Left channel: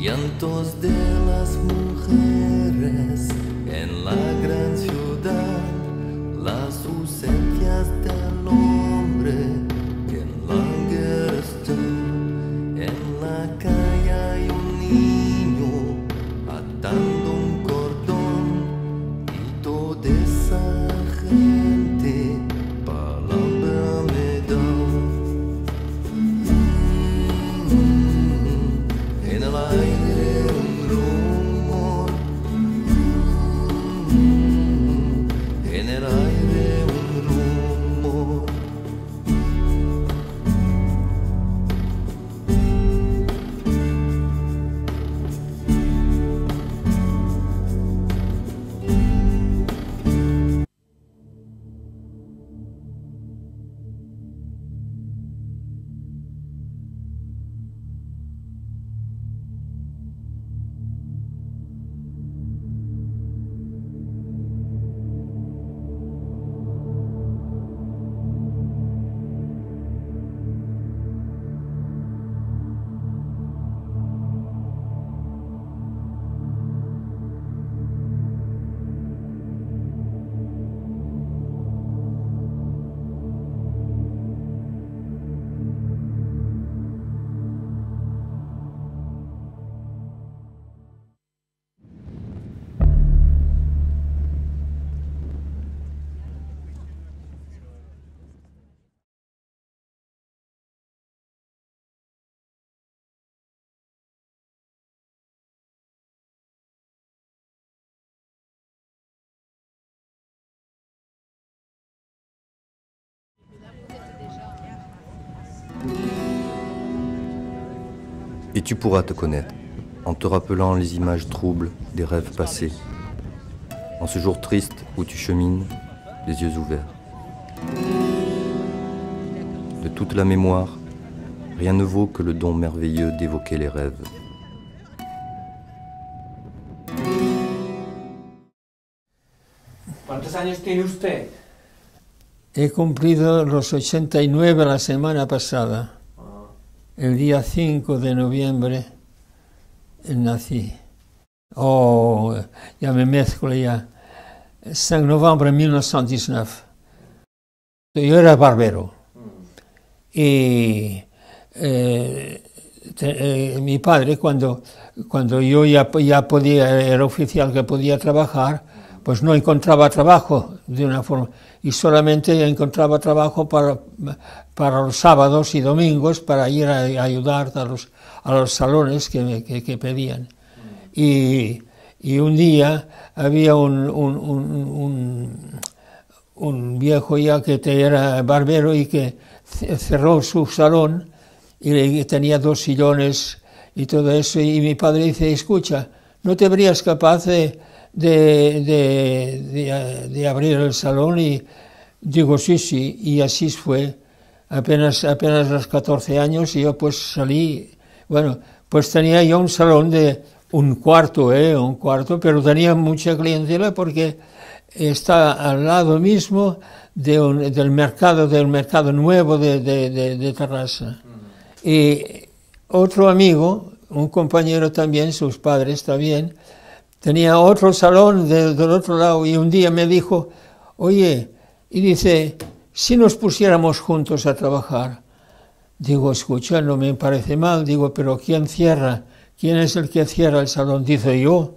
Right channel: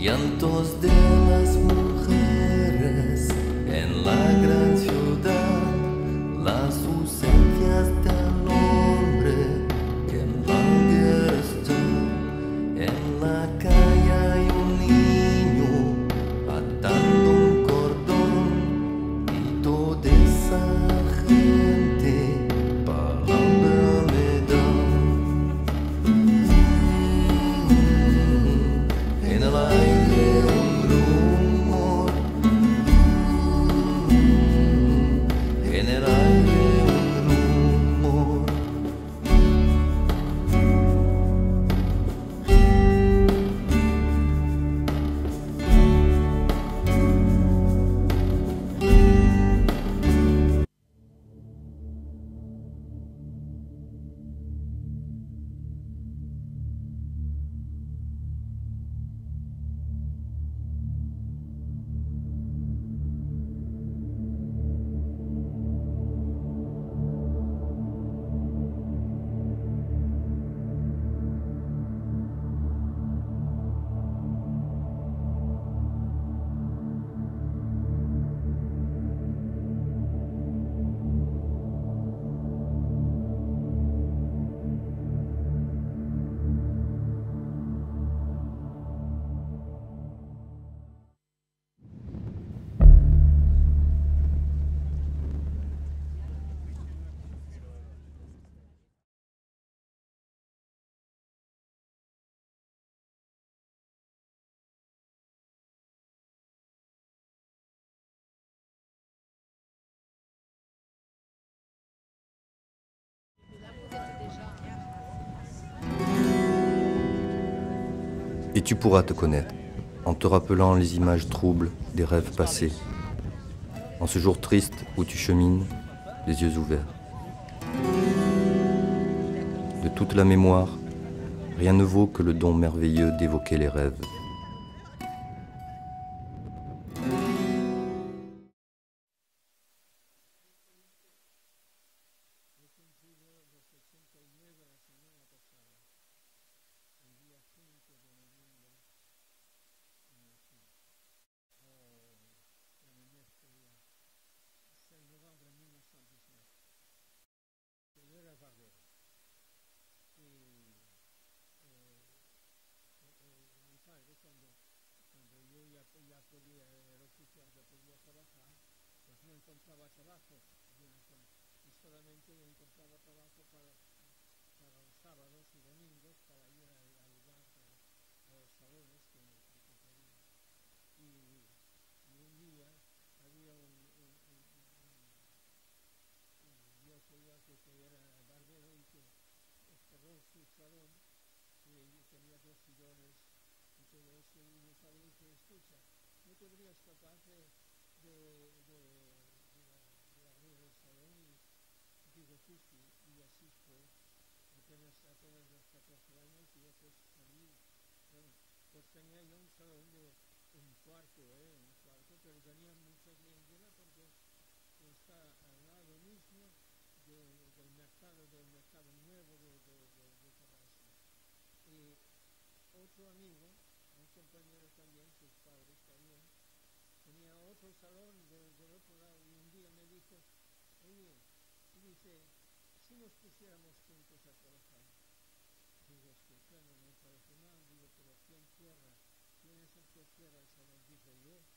Llantos de las mujeres en la gran ciudad, las ausencias del hombre que en la guerra está. En la calle hay un niño atando un cordón y toda esa gente palabra me da. En el aire un rumor, en el aire un rumor. Et tu pourras te connaître, en te rappelant les images troubles des rêves passés, en ce jour triste où tu chemines, les yeux ouverts. De toute la mémoire, rien ne vaut que le don merveilleux d'évoquer les rêves. ¿Cuántos años tiene usted? He cumplido los 89 la semana pasada. El día 5 de noviembre nací. Oh, ya me mezclo ya. 5 de noviembre de 1919. Yo era barbero. Y mi padre, cuando yo ya podía, era oficial que podía trabajar, pues no encontraba trabajo de una forma. Y solamente encontraba trabajo para los sábados y domingos para ir a ayudar a los salones que pedían. Y un día había un viejo ya que era barbero y que cerró su salón y tenía 2 sillones y todo eso. Y mi padre dice, escucha, ¿no te verías capaz de abrir el salón? Y digo, sí, y así fue. Apenas los 14 años y yo pues salí, bueno, pues tenía yo un salón de un cuarto, pero tenía mucha clientela porque está al lado mismo del mercado nuevo de Terrassa. Y otro amigo, un compañero también, sus padres también, tenía otro salón del otro lado y un día me dijo, oye, y dice, si nos pusiéramos juntos a trabajar. Digo, escucha, no me parece mal, digo, pero ¿quién cierra? ¿Quién es el que cierra el salón? Dice, yo,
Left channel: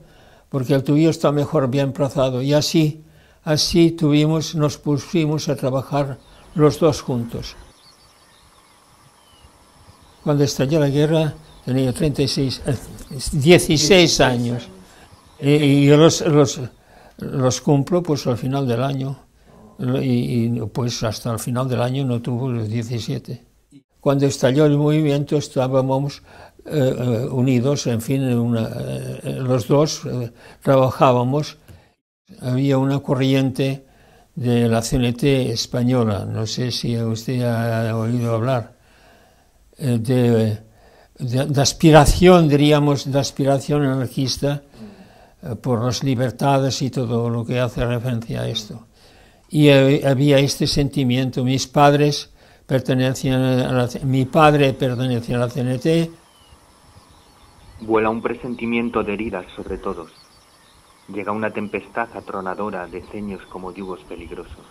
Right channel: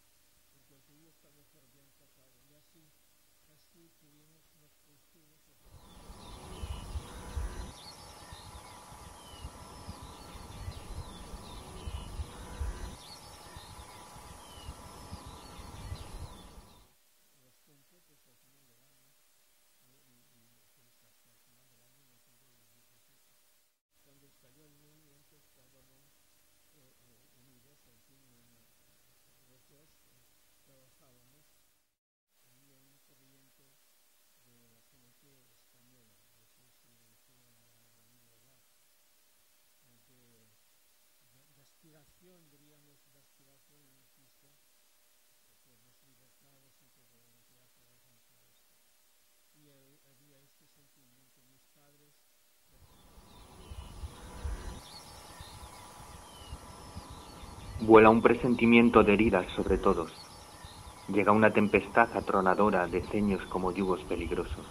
porque el tuyo está mejor bien plazado. Y así nos pusimos a trabajar los dos juntos. Cuando estalló la guerra tenía 16 años. Y yo los cumplo pues al final del año. Y pues hasta el final del año no tuvo los 17. Cuando estalló el movimiento estábamos unidos, en fin, los dos trabajábamos. Había una corriente de la CNT española, no sé si usted ha oído hablar, de aspiración, diríamos, de aspiración anarquista por las libertades y todo lo que hace referencia a esto. Y había este sentimiento. Mis padres pertenecían mi padre pertenecía a la CNT. Vuela un presentimiento de heridas sobre todos. Llega una tempestad atronadora de ceños como yugos peligrosos.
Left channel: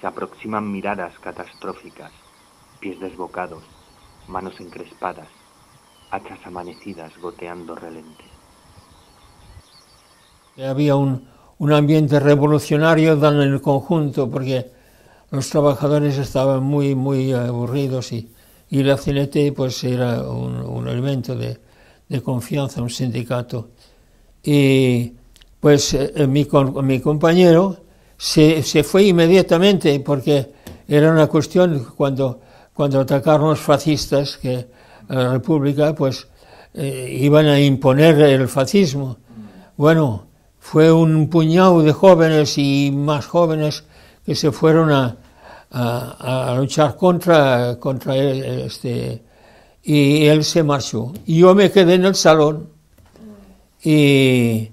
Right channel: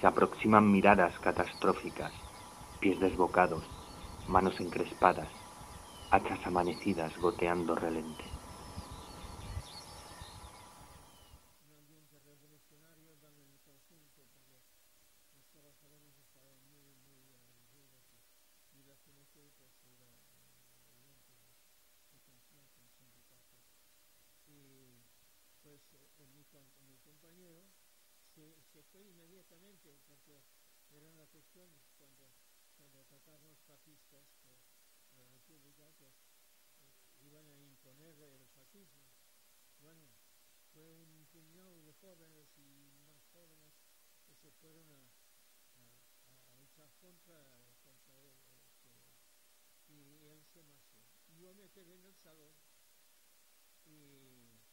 Se aproximan miradas catastróficas, pies desbocados, manos encrespadas, hachas amanecidas goteando relente. Había un ambiente revolucionario en el conjunto, porque los trabajadores estaban muy aburridos y la CNT pues era un elemento de confianza, un sindicato. Y pues mi compañero se fue inmediatamente, porque era una cuestión, cuando atacaron los fascistas, que a la República pues iban a imponer el fascismo. Bueno, fue un puñado de jóvenes y más jóvenes que se fueron a luchar contra él, y él se marchó. Y yo me quedé en el salón y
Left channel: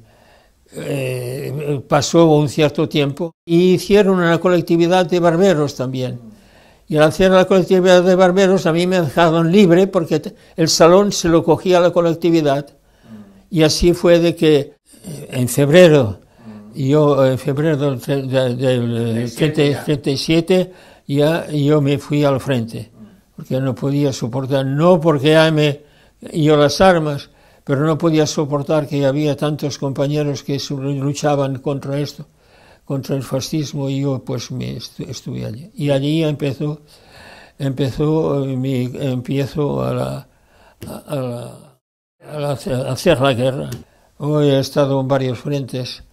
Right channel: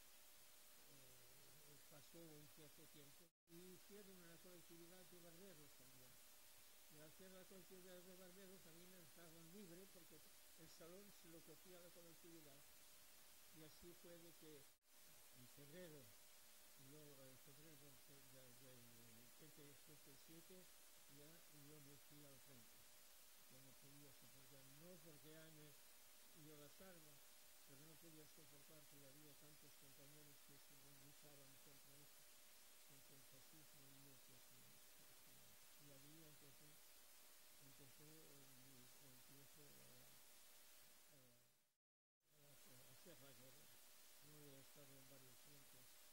pasó un cierto tiempo y hicieron una colectividad de barberos también. Y al hacer la colectividad de barberos a mí me dejaron libre, porque el salón se lo cogía la colectividad. Y así fue de que en febrero del 37 yo me fui al frente, porque no podía soportar, no porque yo las armas, pero no podía soportar que había tantos compañeros que luchaban contra esto, contra el fascismo, y yo pues estuve allí. Y allí empiezo a hacer la guerra. Hoy he estado en varios frentes.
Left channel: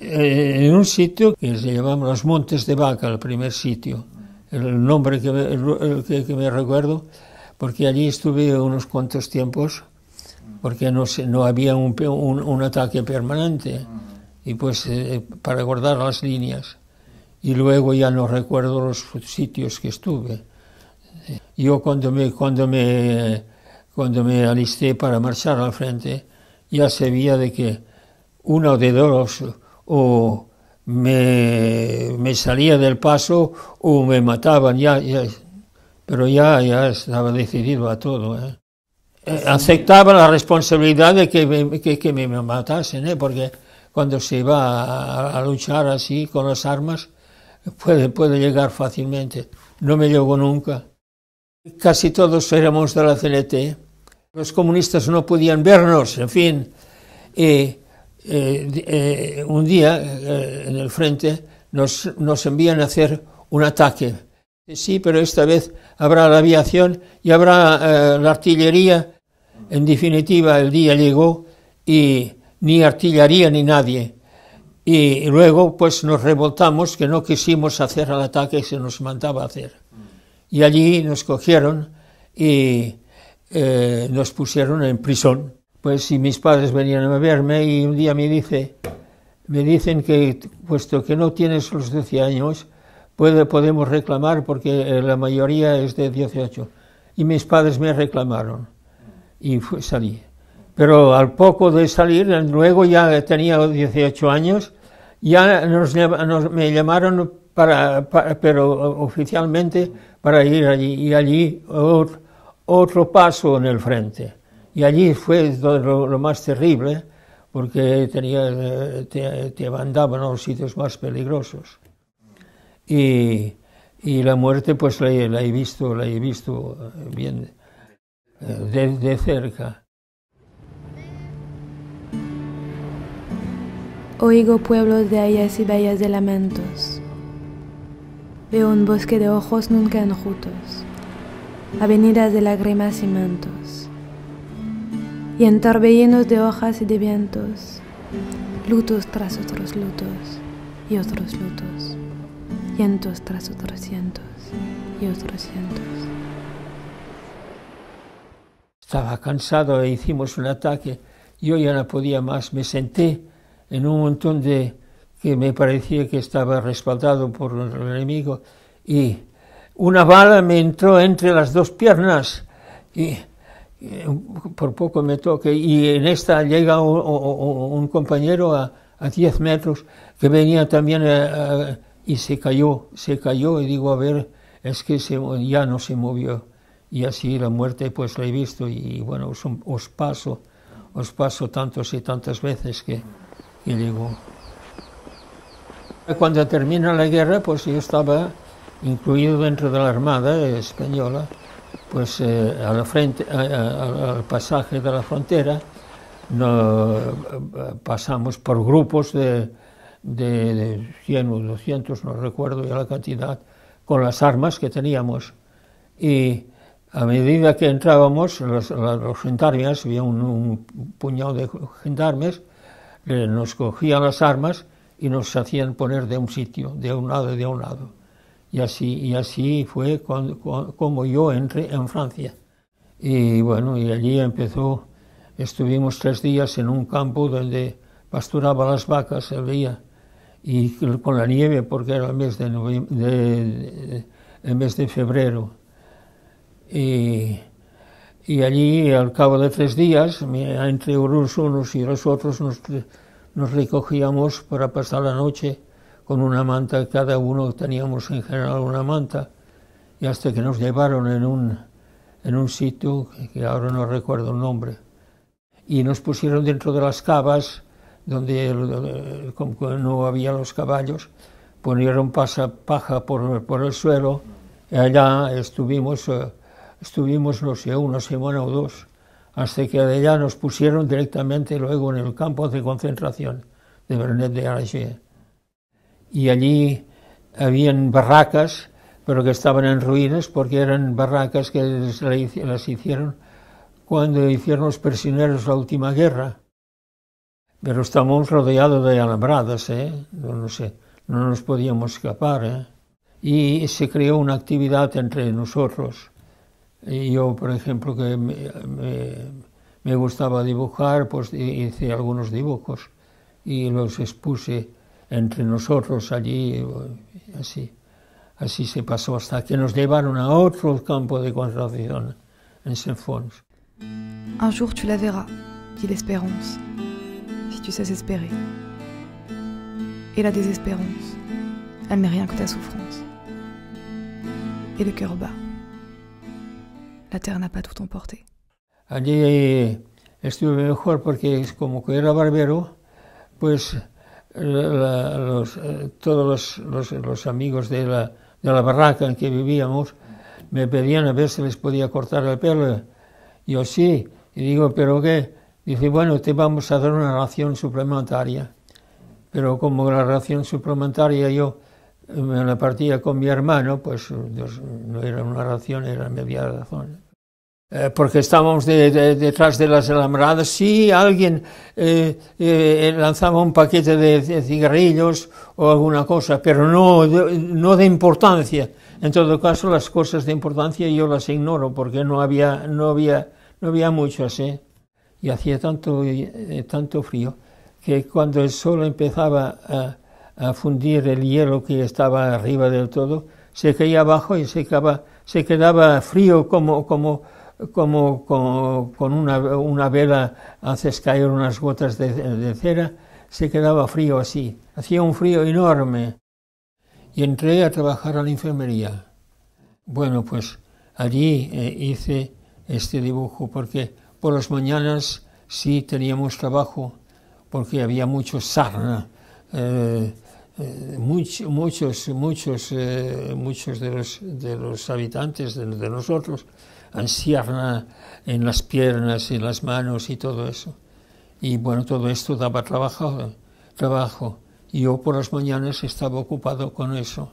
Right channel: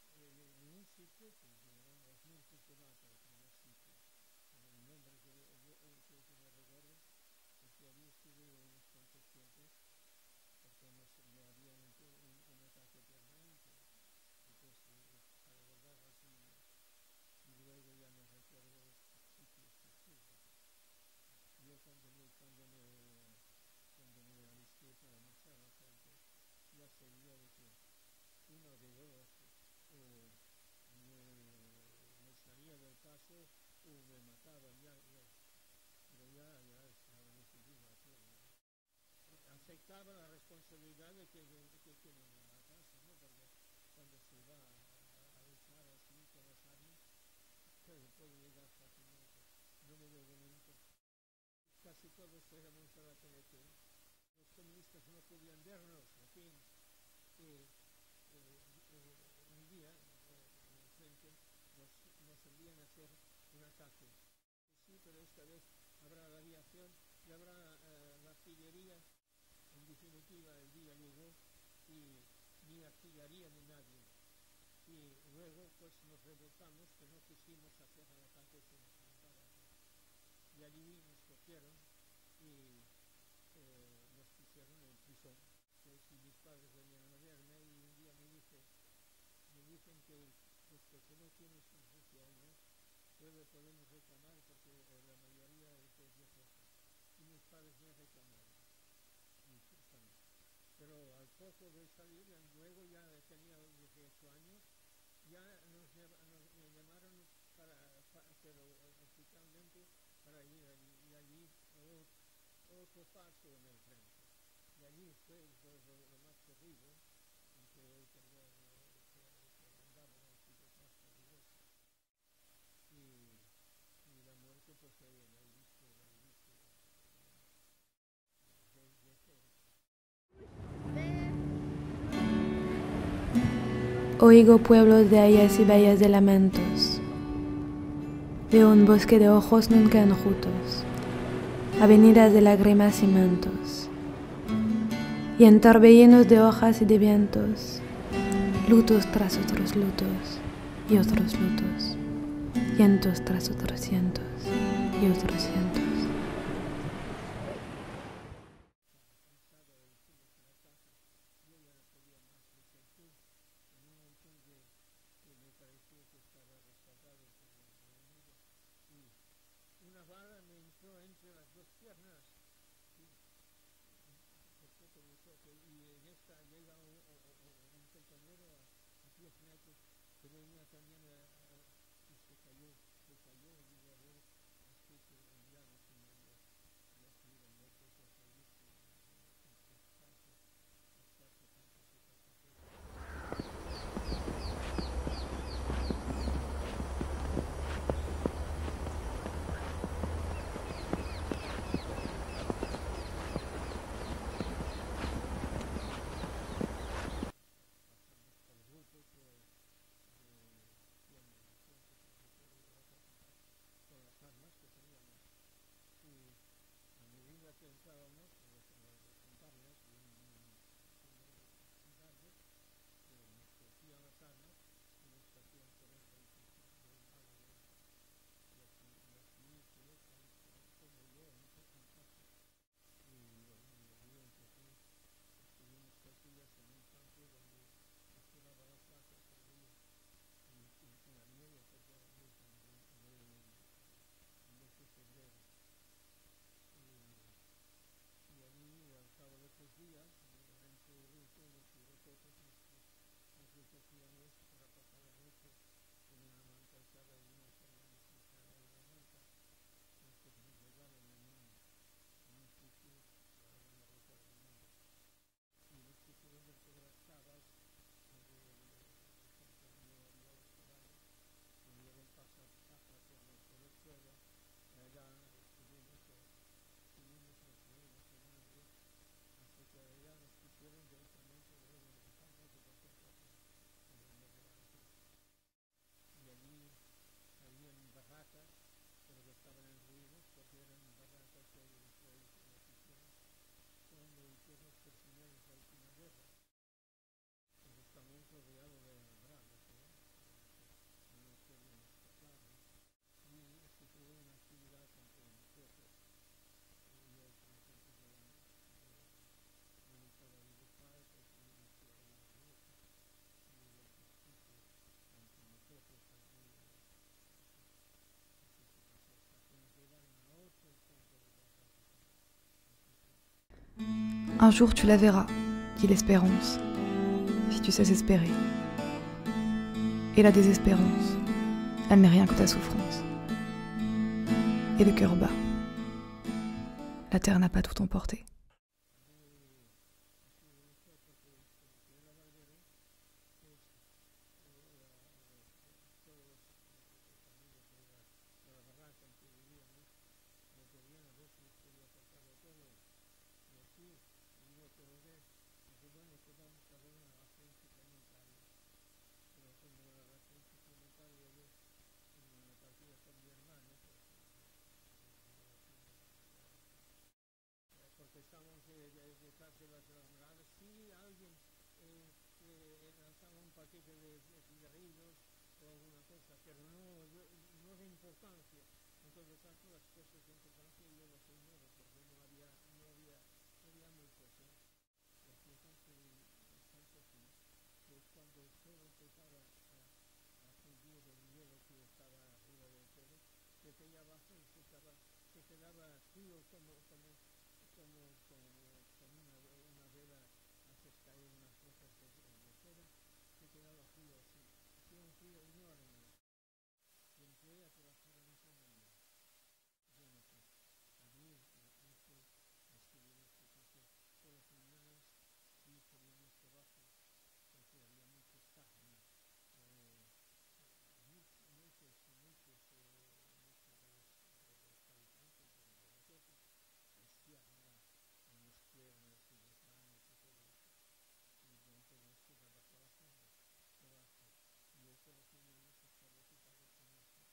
En un sitio que se llamaba Los Montes de Vaca, el primer sitio, el nombre que me recuerdo, porque allí estuve unos cuantos tiempos, porque no había un ataque permanente, y pues para guardar las líneas. Y luego ya no recuerdo los sitios que estuve. Yo cuando me alisté para marchar al frente, ya sabía de que uno de dos o me salía del paso o me mataban, pero ya estaba decidido a todo. Aceptaba la responsabilidad de que me matasen, porque cuando se va a luchar así con las armas puede llegar fácilmente. No me llegó nunca. Casi todos éramos de la CNT. Los comunistas no podían vernos, en fin. Un día en el frente nos envían a hacer un ataque. Sí, pero esta vez habrá la aviación y habrá la artillería. En definitiva, el día llegó y ni artillería ni nadie. Y luego pues nos revoltamos, que no quisimos hacer el ataque que se nos mandaba hacer. Y allí nos cogieron y nos pusieron en prisión. Pues si mis padres venían a verme, y un día me dicen que, puesto que no tienes los 12 años, podemos reclamar, porque la mayoría es de 18. Y mis padres me reclamaron y salí. Pero al poco de salir, luego ya tenía 18 años, ya me llamaron pero oficialmente para ir allí, y allí otro paso en el frente. Y allí fue lo más terrible, porque te mandaban a los sitios más peligrosos. Y la muerte pues la he visto bien de cerca. Oigo pueblos de hayas y bahías de lamentos. Veo un bosque de ojos nunca enjutos, avenidas de lágrimas y mantos, y en torbellinos de hojas y de vientos, lutos tras otros lutos y otros lutos, cientos tras otros cientos y otros cientos. Estaba cansado e hicimos un ataque. Yo ya no podía más. Me senté en un montón que me parecía que estaba respaldado por el enemigo, y una bala me entró entre las dos piernas y por poco me toque, y en esta llega un compañero a 10 metros que venía también y se cayó, y digo, a ver, es que ya no se movió. y así la muerte pues la he visto y bueno, os paso tantas y tantas veces que digo. Cuando termina la guerra, pues yo estaba incluido dentro de la Armada española, pues a la frente, al pasaje de la frontera, pasamos por grupos de 100 o 200, no recuerdo ya la cantidad, con las armas que teníamos. Y a medida que entrábamos, los gendarmes, había un puñado de gendarmes, nos cogían las armas y nos hacían poner de un sitio, de un lado y de un lado. Y así fue como yo entré en Francia. Y bueno, y allí estuvimos 3 días en un campo donde pasturaba las vacas el día, y con la nieve, porque era el mes de febrero. Y allí, al cabo de 3 días, entre los unos y los otros, nos recogíamos para pasar la noche con una manta. Cada uno teníamos en general una manta, y hasta que nos llevaron en un sitio que ahora no recuerdo el nombre, y nos pusieron dentro de las cavas, donde como no había los caballos, ponieron paja por el suelo, y allá estuvimos, no sé, una semana o 2, hasta que de allá nos pusieron directamente luego en el campo de concentración de Vernet de Aragé. Y allí habían barracas, pero que estaban en ruinas, porque eran barracas que las hicieron cuando hicieron los prisioneros la última guerra. Pero estábamos rodeados de alambradas, no sé, no nos podíamos escapar, Y se creó una actividad entre nosotros. Y yo, por ejemplo, que me gustaba dibujar, pues hice algunos dibujos y los expuse entre nosotros allí, así se pasó hasta que nos llevaron a otro campo de concentración en Saint-Fons. Un jour tu la verras, dit l'espérance, si tu sais espérer. Et la désespérance, elle n'est rien que ta souffrance. Et le cœur bat. La terre n'a pas tout emporté. Allí estuve mejor porque como que era barbero, pues todos los amigos de la barraca en que vivíamos me pedían a ver si les podía cortar el pelo. Yo sí, y digo, ¿pero qué? Dice, bueno, te vamos a dar una ración suplementaria. Pero como la ración suplementaria yo me la partía con mi hermano, pues no era una ración, era media ración. Porque estábamos detrás de las alambradas. Si alguien lanzaba un paquete de cigarrillos o alguna cosa, pero no de importancia. En todo caso, las cosas de importancia yo las ignoro, porque no había muchas, Y hacía tanto frío que cuando el sol empezaba a fundir el hielo que estaba arriba del todo, se caía abajo y se quedaba frío como con una vela haces caer unas gotas de cera, se quedaba frío así, hacía un frío enorme. Y entré a trabajar a la enfermería. Bueno, pues allí hice este dibujo, porque por las mañanas sí teníamos trabajo, porque había mucho sarna, muchos de los habitantes de nosotros, ansierna en las piernas, en las manos y todo eso. Y bueno, todo esto daba trabajo. Y yo por las mañanas estaba ocupado con eso.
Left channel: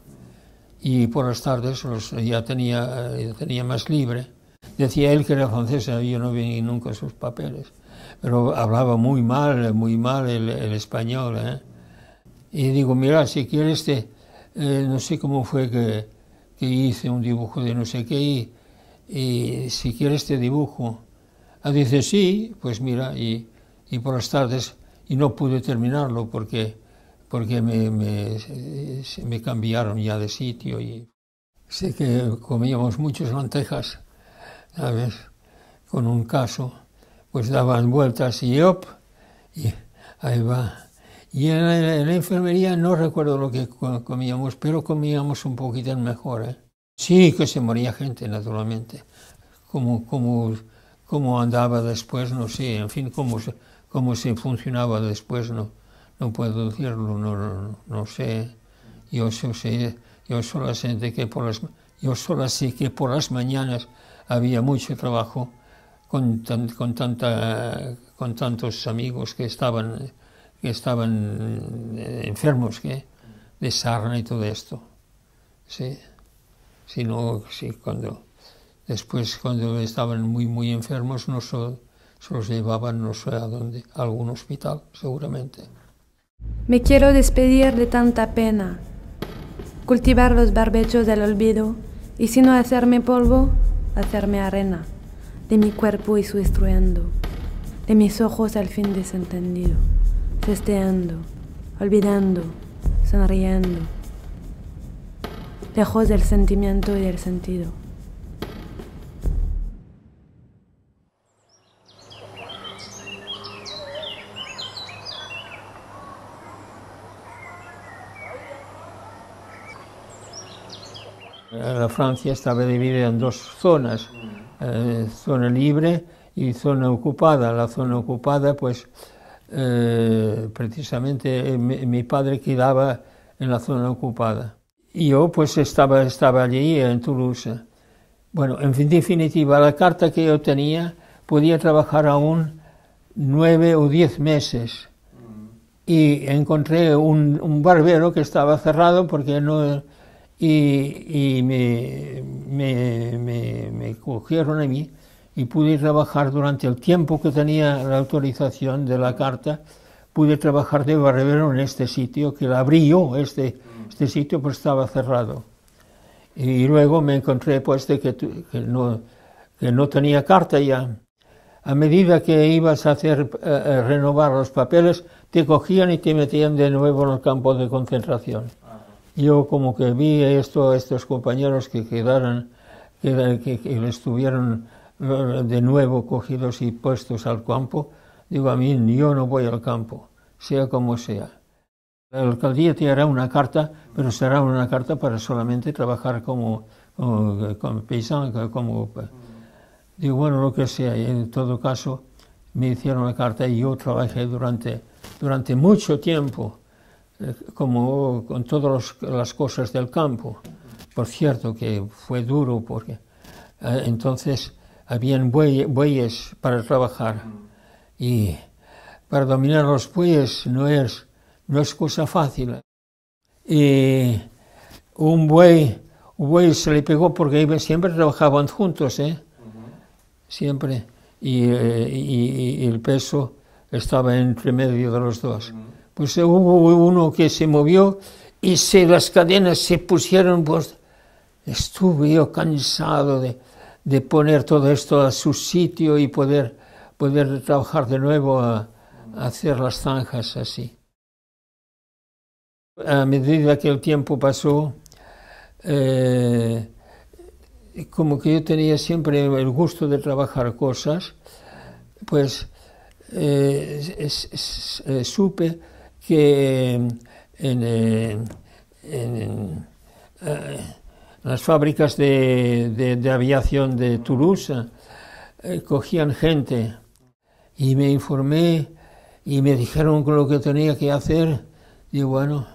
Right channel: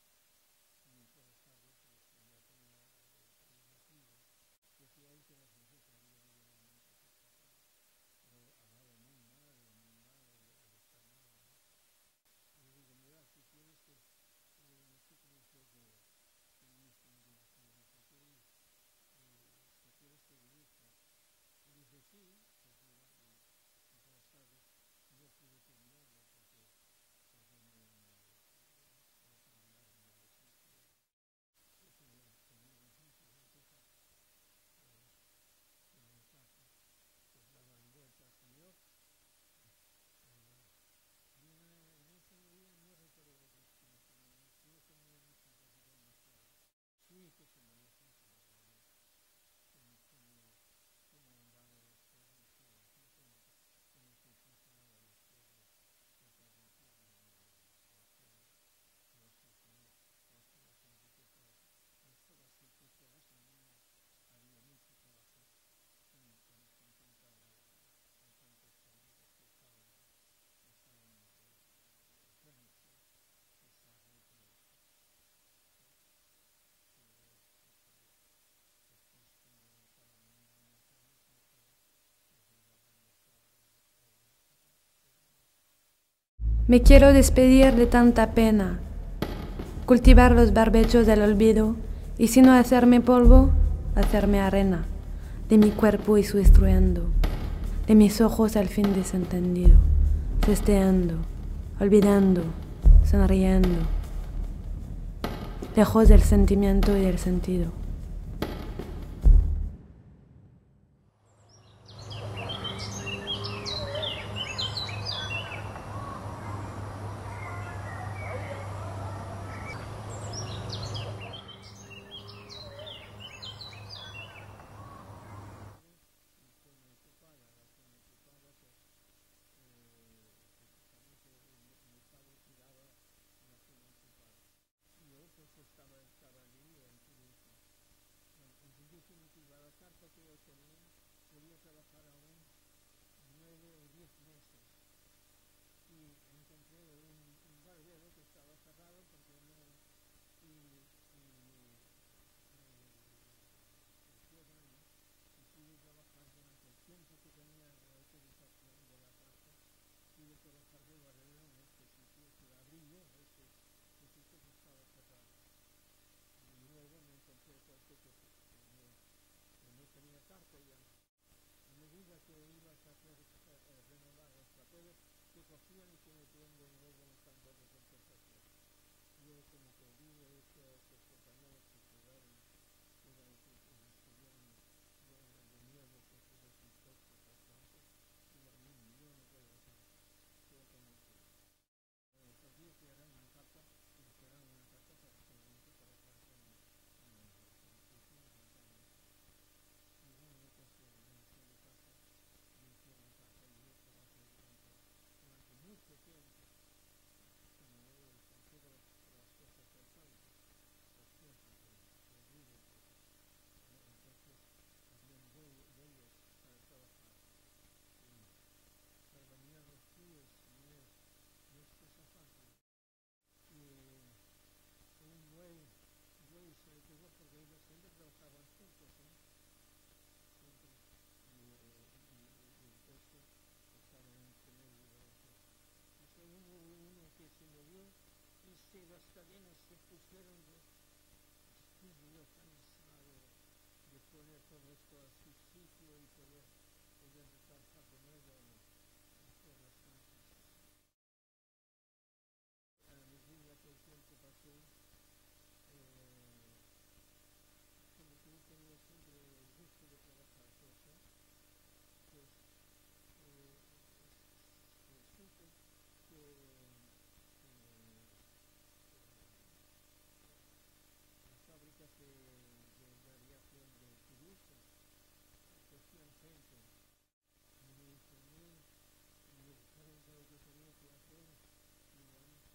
Y por las tardes ya tenía más libre. Decía él que era francés, yo no vi nunca sus papeles. Pero hablaba muy mal el español, Y digo, mira, si quieres, no sé cómo fue que hice un dibujo de no sé qué, y si quieres te dibujo. Dice, sí, pues mira, y por las tardes, y no pude terminarlo porque me cambiaron ya de sitio. Y sé que comíamos muchas lentejas, ¿sabes? Con un caso, pues daban vueltas y ¡op! Y ahí va. Y en la enfermería no recuerdo lo que comíamos, pero comíamos un poquito mejor, Sí, que se moría gente, naturalmente. cómo andaba después, no sé, en fin, cómo se funcionaba después, no puedo decirlo, no sé. Yo solo sé que por las mañanas había mucho trabajo con tantos amigos que estaban enfermos de sarna y todo esto. Sí. Después cuando estaban muy enfermos se los llevaban no sé a dónde, a algún hospital seguramente. Me quiero despedir de tanta pena, cultivar los barbechos del olvido y si no hacerme polvo, hacerme arena, de mi cuerpo y su estruendo, de mis ojos al fin desentendido, cesteando, olvidando, sonriendo, lejos del sentimiento y del sentido. La Francia estaba dividida en dos zonas, zona libre y zona ocupada. La zona ocupada, pues, precisamente mi padre quedaba en la zona ocupada. Y yo, pues, estaba allí en Toulouse. Bueno, en definitiva, la carta que yo tenía podía trabajar aún 9 o 10 meses. Y encontré un barbero que estaba cerrado porque no... Y me cogieron a mí y pude trabajar durante el tiempo que tenía la autorización de la carta, pude trabajar de barbero en este sitio, que la abrí yo, este sitio pues estaba cerrado. Y luego me encontré pues de que no tenía carta ya. A medida que ibas a renovar los papeles, te cogían y te metían de nuevo en el campo de concentración. Yo como que vi estos compañeros que estuvieron de nuevo cogidos y puestos al campo, digo a mí, yo no voy al campo, sea como sea. La alcaldía te hará una carta, pero será una carta para solamente trabajar como paisano, digo, bueno, lo que sea, y en todo caso me hicieron la carta y yo trabajé durante mucho tiempo, como con todas las cosas del campo. Por cierto que fue duro porque entonces habían bueyes para trabajar y para dominar los bueyes no es cosa fácil. Y un buey se le pegó porque siempre trabajaban juntos, siempre, y el peso estaba entre medio de los dos. Pues hubo uno que se movió y las cadenas se pusieron, pues estuve yo cansado de poner todo esto a su sitio y poder trabajar de nuevo a hacer las zanjas así. A medida que el tiempo pasó, como que yo tenía siempre el gusto de trabajar cosas, pues supe que en las fábricas de aviación de Toulouse cogían gente y me informé y me dijeron lo que tenía que hacer y bueno,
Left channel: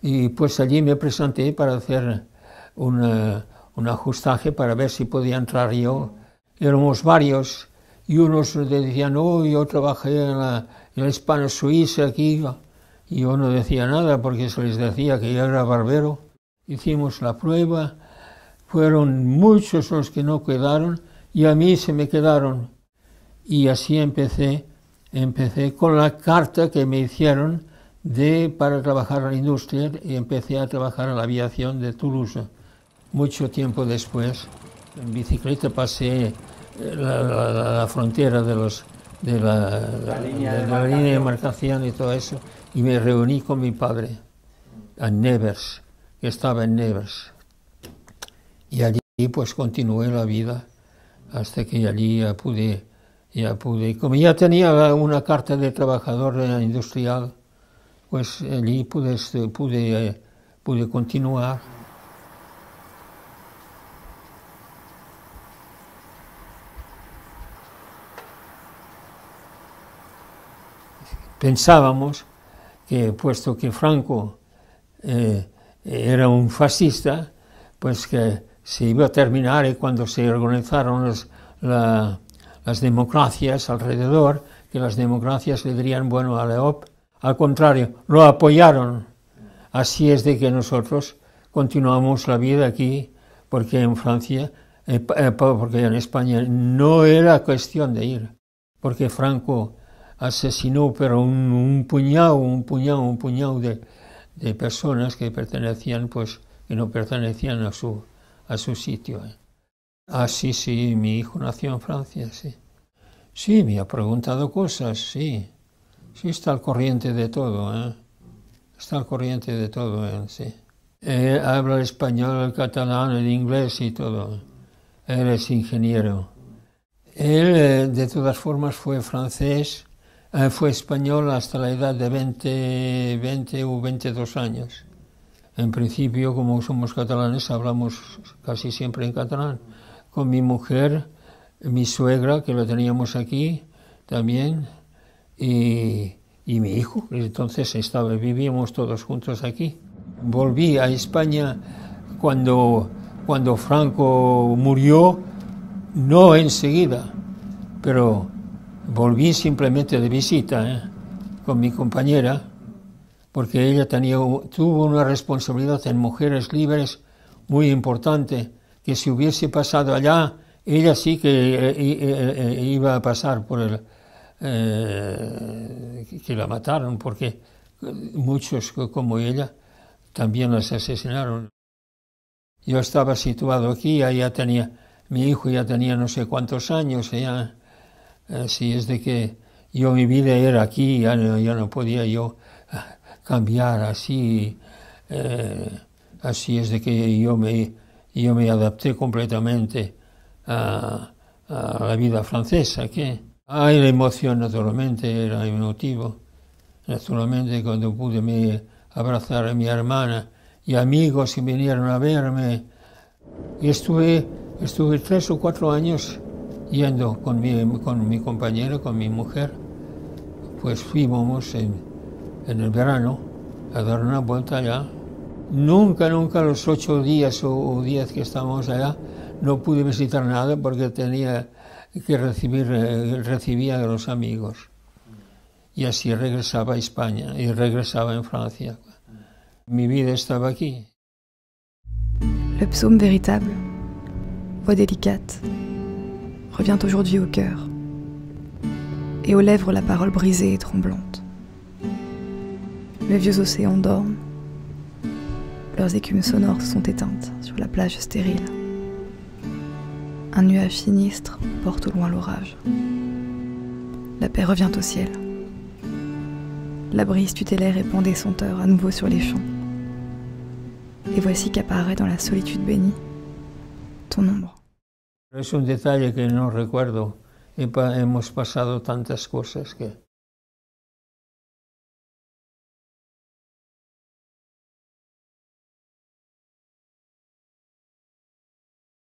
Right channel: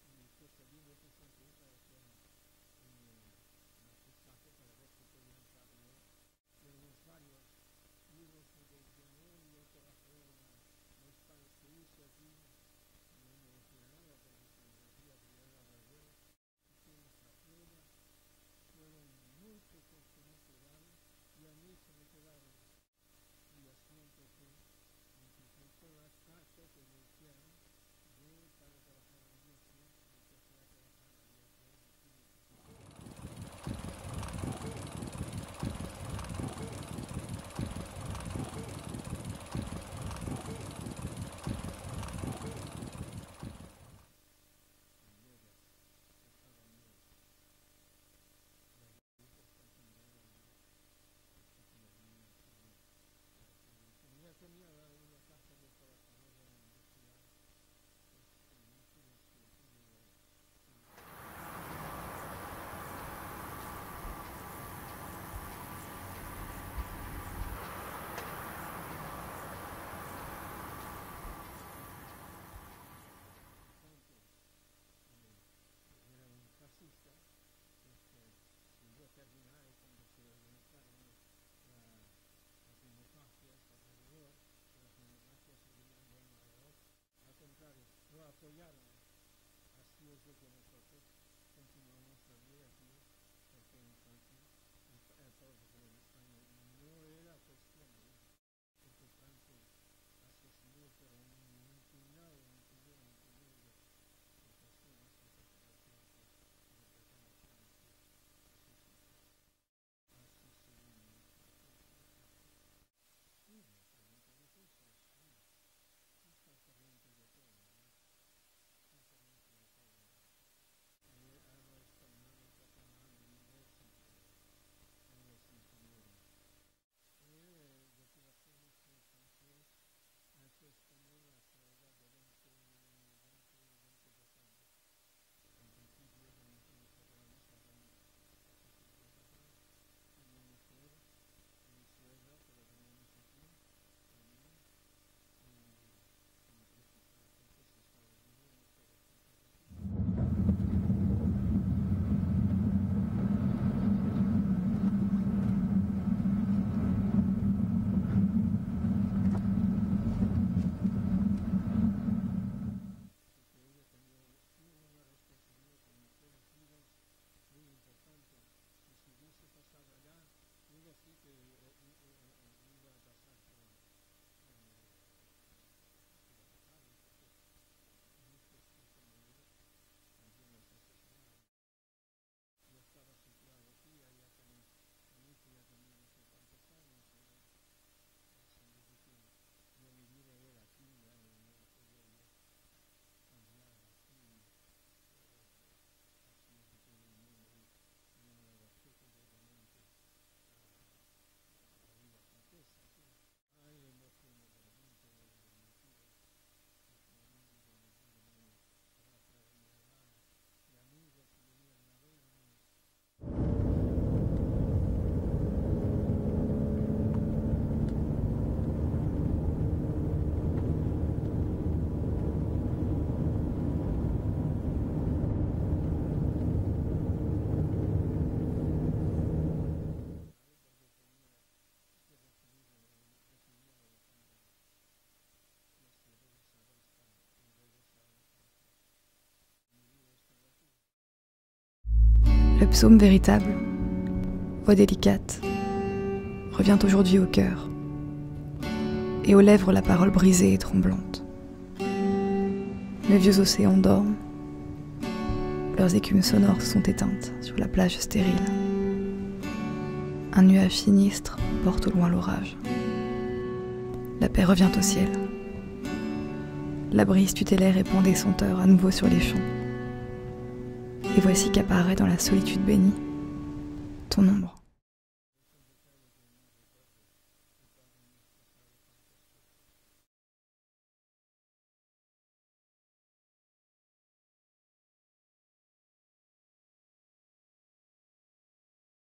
y pues allí me presenté para hacer un ajustaje para ver si podía entrar yo. Éramos varios y unos decían, no, yo trabajé en la Hispano-Suiza aquí. Y yo no decía nada porque se les decía que yo era barbero. Hicimos la prueba, fueron muchos los que no quedaron y a mí se me quedaron. Y así empecé con la carta que me hicieron para trabajar en la industria y empecé a trabajar en la aviación de Toulouse. Mucho tiempo después, en bicicleta pasé la frontera de la línea de demarcación y todo eso. Y me reuní con mi padre en Nevers, que estaba en Nevers. Y allí pues continué la vida hasta que allí ya pude, como ya tenía una carta de trabajador industrial, pues allí pude continuar. pensábamos que, puesto que Franco era un fascista, pues que se iba a terminar, y cuando se organizaron las democracias alrededor, que las democracias le dirían, bueno, a Leop, al contrario, lo apoyaron. Así es de que nosotros continuamos la vida aquí, porque en Francia, porque en España no era cuestión de ir, porque Franco asesinó pero un puñado de personas que pertenecían, pues, que no pertenecían a su sitio. Ah, sí, mi hijo nació en Francia, sí. Sí, me ha preguntado cosas, sí. Sí, está al corriente de todo, Está al corriente de todo, sí. Habla el español, el catalán, el inglés y todo. Él es ingeniero. Él, de todas formas, fue francés, fue español hasta la edad de 20 o 22 años. En principio, como somos catalanes, hablamos casi siempre en catalán. Con mi mujer, mi suegra, que la teníamos aquí también, y mi hijo. Entonces vivíamos todos juntos aquí. Volví a España cuando Franco murió, no enseguida, pero volví simplemente de visita con mi compañera, porque ella tuvo una responsabilidad en Mujeres Libres muy importante, que si hubiese pasado allá, ella sí que iba a pasar por el... que la mataron, porque muchos como ella también las asesinaron. Yo estaba situado aquí, mi hijo ya tenía no sé cuántos años, así es de que mi vida era aquí, ya no podía yo cambiar así, así es de que yo me adapté completamente a la vida francesa, la emoción, naturalmente, era emotivo. Naturalmente, cuando pude abrazar a mi hermana y amigos que vinieron a verme. Y estuve 3 o 4 años yendo con mi compañera, con mi mujer. Pues fuimos en el verano a dar una vuelta allá. Nunca los 8 días o 10 que estábamos allá, no pude visitar nada porque tenía que recibía de los amigos. Y así regresaba a España y regresaba en Francia. Mi vida estaba aquí. Le psaume véritable, voix délicate, revient aujourd'hui au cœur, et aux lèvres la parole brisée et tremblante. Les vieux océans dorment, leurs écumes sonores sont éteintes sur la plage stérile. Un nuage sinistre porte au loin l'orage. La paix revient au ciel. La brise tutélaire répand des senteurs à nouveau sur les champs. Et voici qu'apparaît dans la solitude bénie ton ombre. Es un detalle que no recuerdo. Hemos pasado tantas cosas que...